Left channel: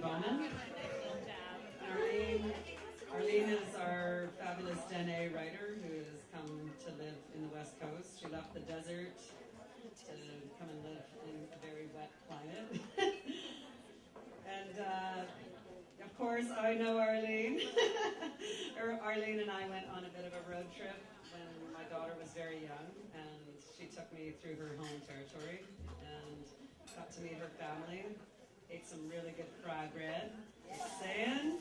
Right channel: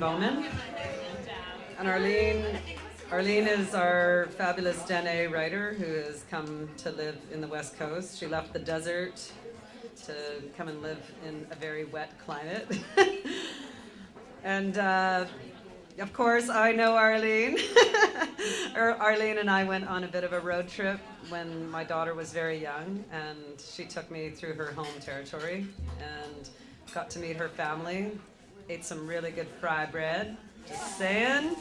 Bowman. And Arlene is our fabulous Dene writer who has come to live in the West Coast. She left the desert to come and live in a very wet climate. And of course, I know Arlene. Arlene and I went on a bit of a road trip when my daughter was very young, and she took me through her home territory and got to meet her family. Ate some really good fry bread, just saying.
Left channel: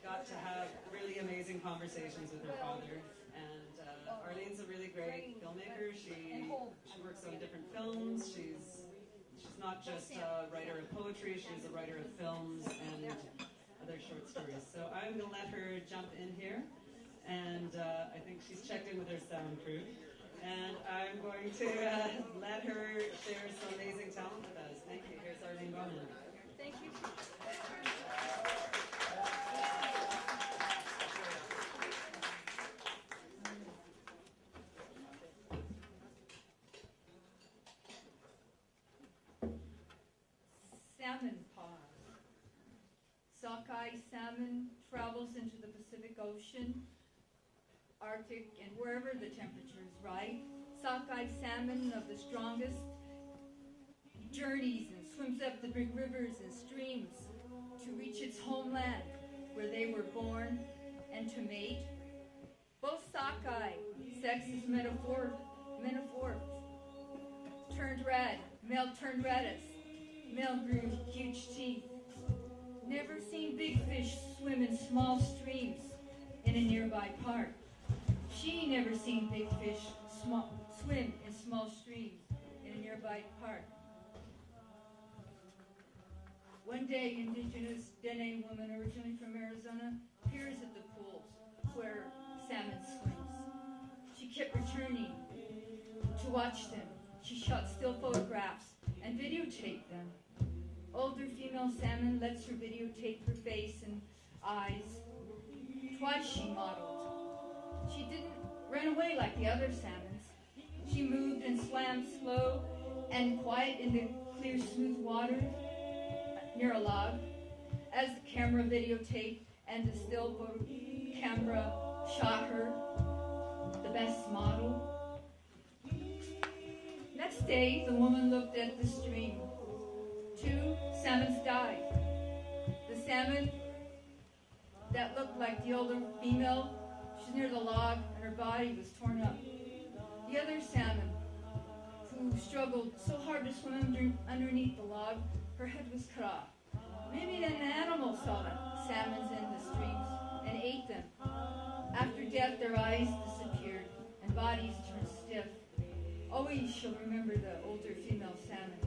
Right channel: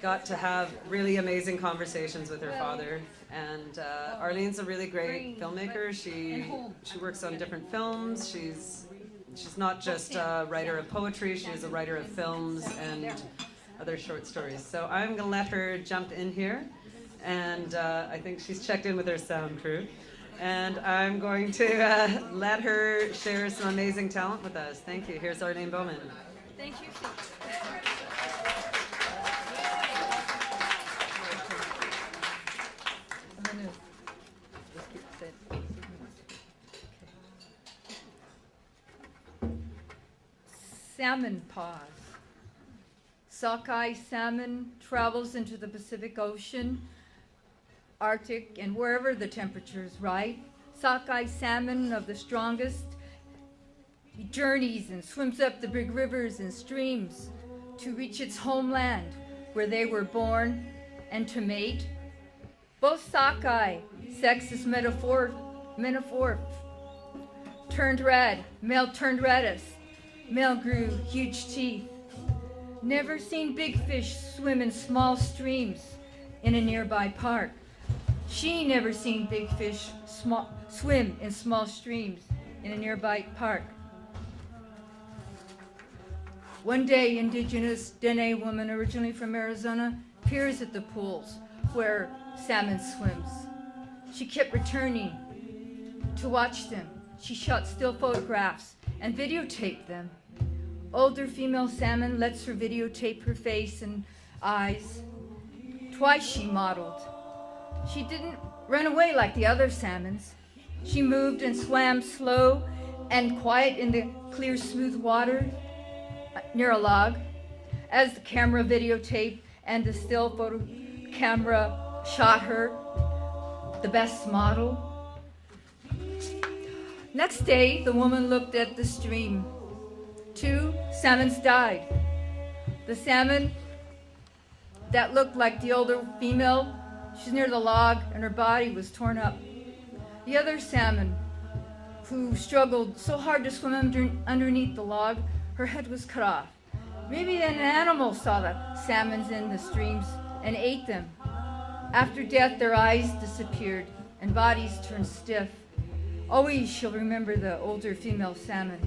Got to have really amazing conversations with her father. And Arlene's a really great filmmaker. She works on different films. She's not just a writer of poetry, she's a writer of films and other short stories. So I'm gonna let her jump in here, and I think she's checked in with her sound crew. And I'm going to let her share some amazing talent with us. Thank you. Here's Arlene Bowman. Thank you. Salmon pause. Sockeye salmon travels into the Pacific Ocean, Arctic, and wherever the temperature is right. Sockeye salmon of the strongest journeys and swims up the big rivers and streams to reach its homeland where they were born and to mate. Both sockeye, sex is metaphor, turned red, male turned reddest. Male grew huge teeth. Never seen big fish swim in small streams in a nearby park. She never seen big fish swim in small streams in a nearby park. One day, indigenous Dene woman, originally from Arizona, appears at the pools where salmon swims. She kept returning to watch them. She shot still photographs and videotaped them. Older female salmon lets her videotape her face and eyes. Twice she modeled. She didn't run away like the other salmons. She moved and swam slow and quiet in the clear, smooth water near a log. As the camera videotaped and the still photo camera shot her, the best model. Next day, the woman looked at the stream. 2 salmons died. The salmon that looked like the older female, she's near the log and her body was torn up. The other salmon, who struggled so hard to swim underneath the log, her head was cut off. Maybe an animal saw the salmons in the streams and ate them. After death, their eyes disappeared and bodies turned stiff. Always she'll remember the older female salmon.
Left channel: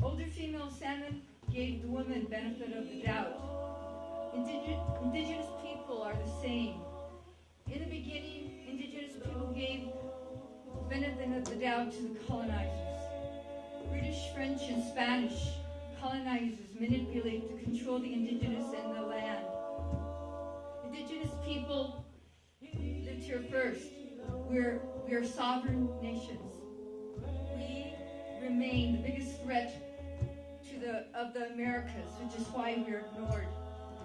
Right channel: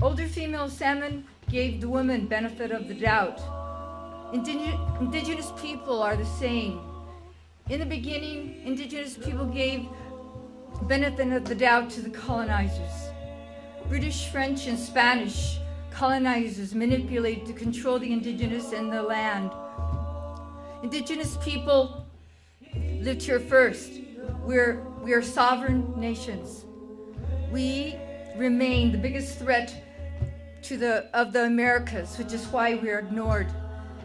Older female salmon gave the woman benefit of the doubt. Indigenous people are the same. In the beginning, indigenous people gave benefit of the doubt to the colonizers. British, French, and Spanish colonizers manipulate to control the indigenous and the land. Indigenous people lived here first. We are sovereign nations. We remain the biggest threat of the Americas, which is why we are ignored.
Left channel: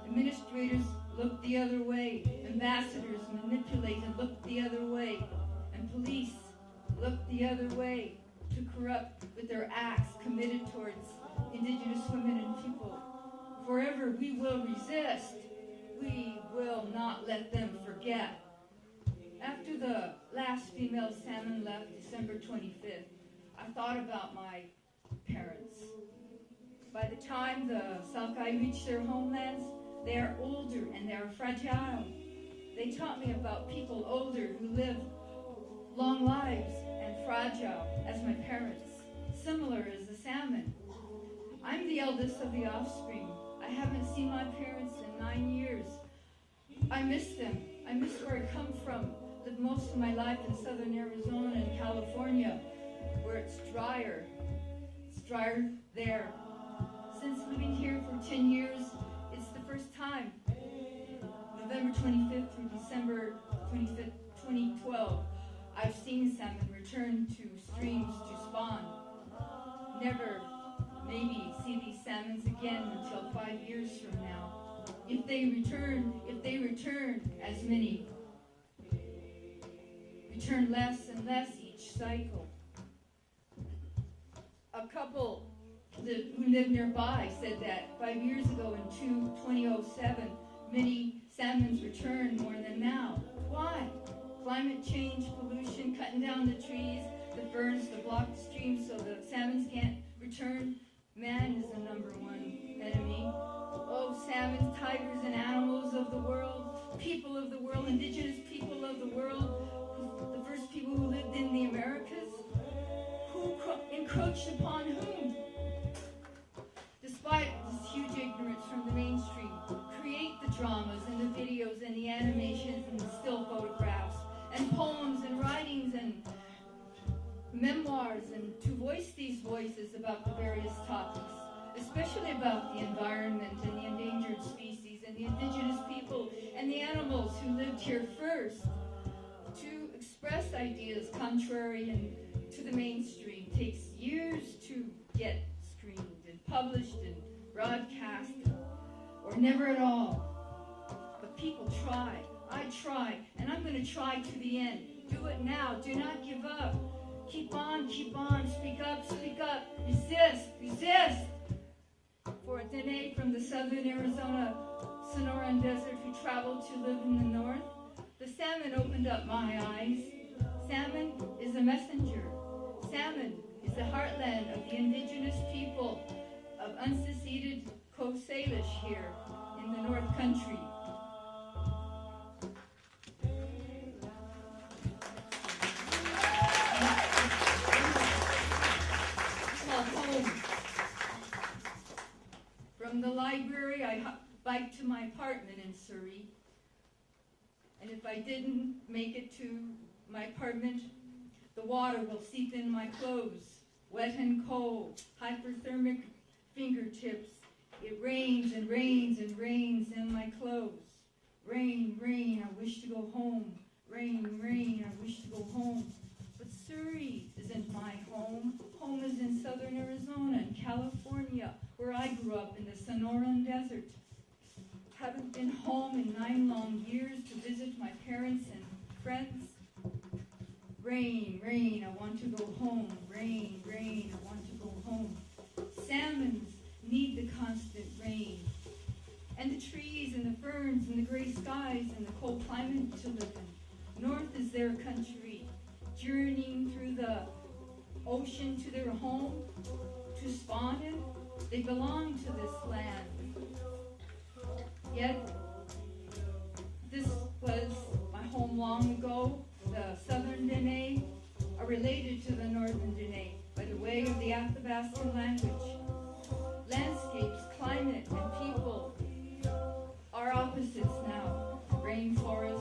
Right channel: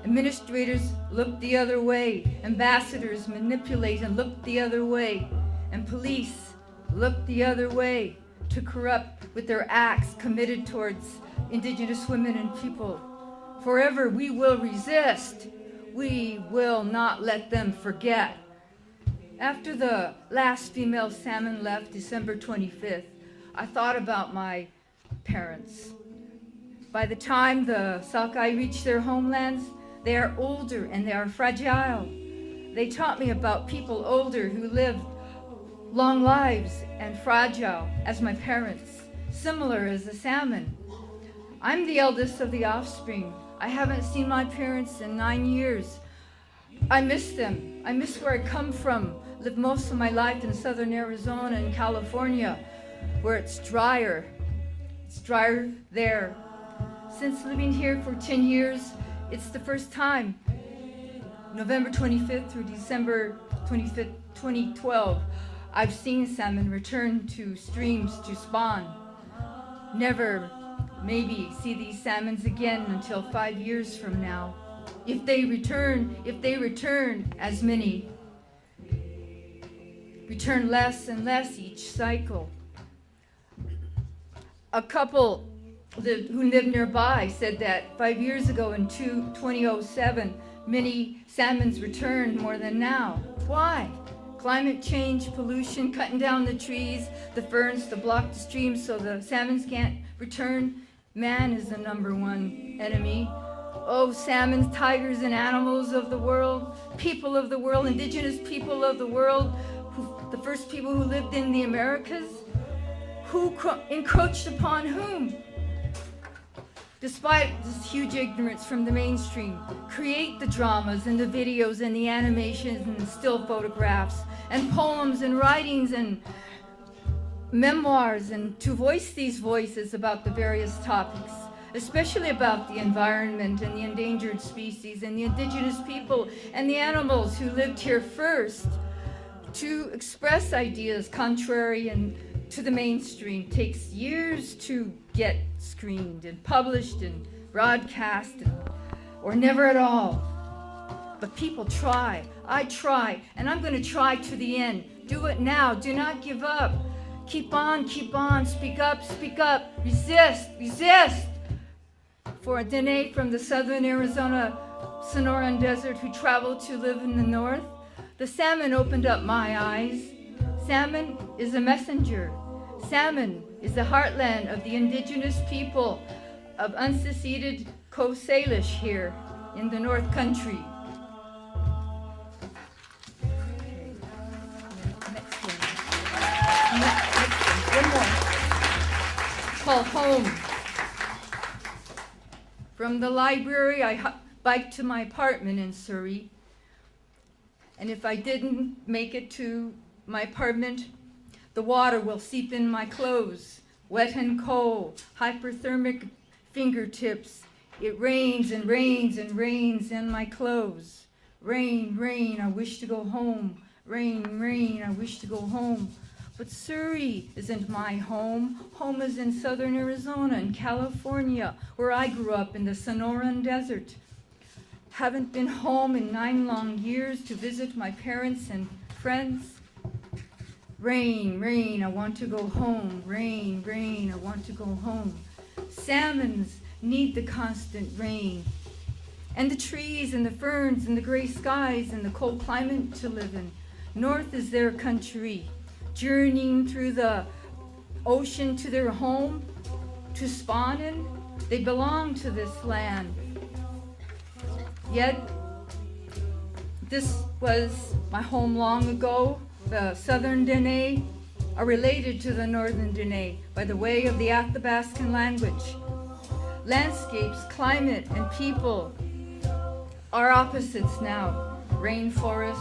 Administrators look the other way. Ambassadors manipulate and look the other way. And police look the other way to corrupt with their acts committed towards indigenous women and people. Forever we will resist. We will not let them forget. After the last female salmon left December 25th, I thought about my parents. By the time the sockeye reach their homelands, they are older and they are fragile. They taught me about people older who lived long lives and fragile as my parents, similar as the salmon. I'm the eldest of the offspring. I haven't seen my parents in 9 years. I miss them. I miss where I come from. Lived most of my life in southern Arizona and California, where it's drier. It's drier there. Since living here for 10 years, it's the first time, November 25th through December 25th, 2012, I've seen salmon return to streams to spawn. Never maybe see these salmons again until 5 years from now. If they return as many, return less and less each cycle. A couple who lived nearby said that 5 years ago in 2007, many salmons returned more than now. Why? Climate change, pollution, cutting down the trees, the ferns to block the streams so the salmons can't return. Man is the number one enemy. Oh, salmon, tigers, and animals of the world, people of the world, indigenous people of the world, the first people who lived in the Americas, who encroached upon whom? Despite this huge ignorance from the mainstream, create the dramas and the videos and the animations and the still photographs and poems and writings and memoirs, and to voice these voices about the various topics, especially about the environment and the endangered species and the indigenous people and the animals who lived here first. To express ideas contrary and to the mainstream takes years to get screened and published and broadcast, or never at all. But people try. I try, and I'm going to try to the end. Do it now. Do not give up. Keep on, speak up, resist. For a Dene from the southern Arizona Sonoran Desert who traveled to live in the north, the salmon opened up my eyes. Salmon is a messenger. Salmon is the heartland of the indigenous people of unseceded Coast Salish here in the North Country. One more. Called Home. From the library, I biked to my apartment in Surrey. And if I didn't make it to my apartment, the water will seep in my clothes, wet and cold, hyperthermic fingertips. It rains and rains and rains in my clothes. Rain, rain, I wish to go home. Rain, rain, I wish to go home. But Surrey isn't my home. Home is in southern Arizona and California, where I grew up in the Sonoran Desert. Haven't been home in 9 long years to visit my parents and friends. Rain, rain, I want to go home. Rain, rain, I want to go home. Salmons need the constant rain, and the trees and the ferns and the gray skies and the cold climate to live in. North is their country, journeying through the ocean to their home, to spawn in. They belong to this land. Yet, this was my home long ago. The southern Dene are related to the northern Dene by the way of the Athabascan language. Landscapes, climate, and people are opposites now. Rainforest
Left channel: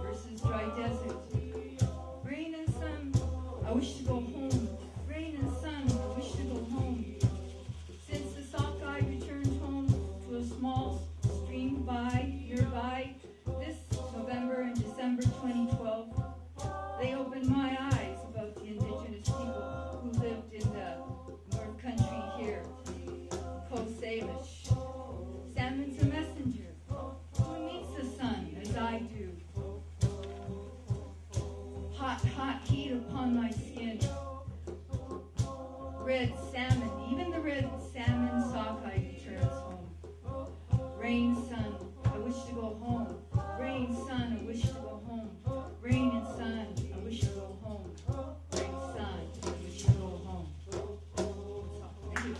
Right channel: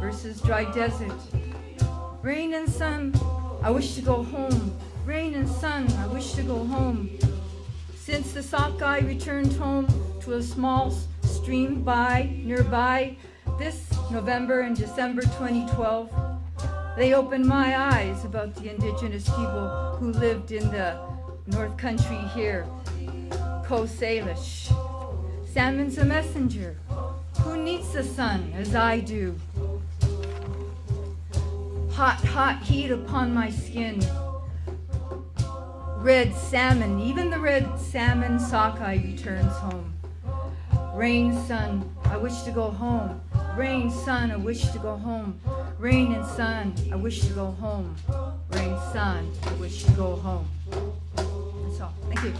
versus dry desert. Rain and sun, I wish to go home. Rain and sun, I wish to go home. Since the sockeye returned home to a small stream nearby this November and December 2012, they opened my eyes about the indigenous people who lived in the North Country here, Coast Salish. Salmon's a messenger. Who needs the sun as I do? Hot, hot heat upon my skin. Red salmon, even the red salmon sockeye returns home. Rain, sun, I wish to go home. Rain, sun, I wish to go home. Rain and sun, I wish to go home. Rain, sun, I wish to go home. That's all. Thank you.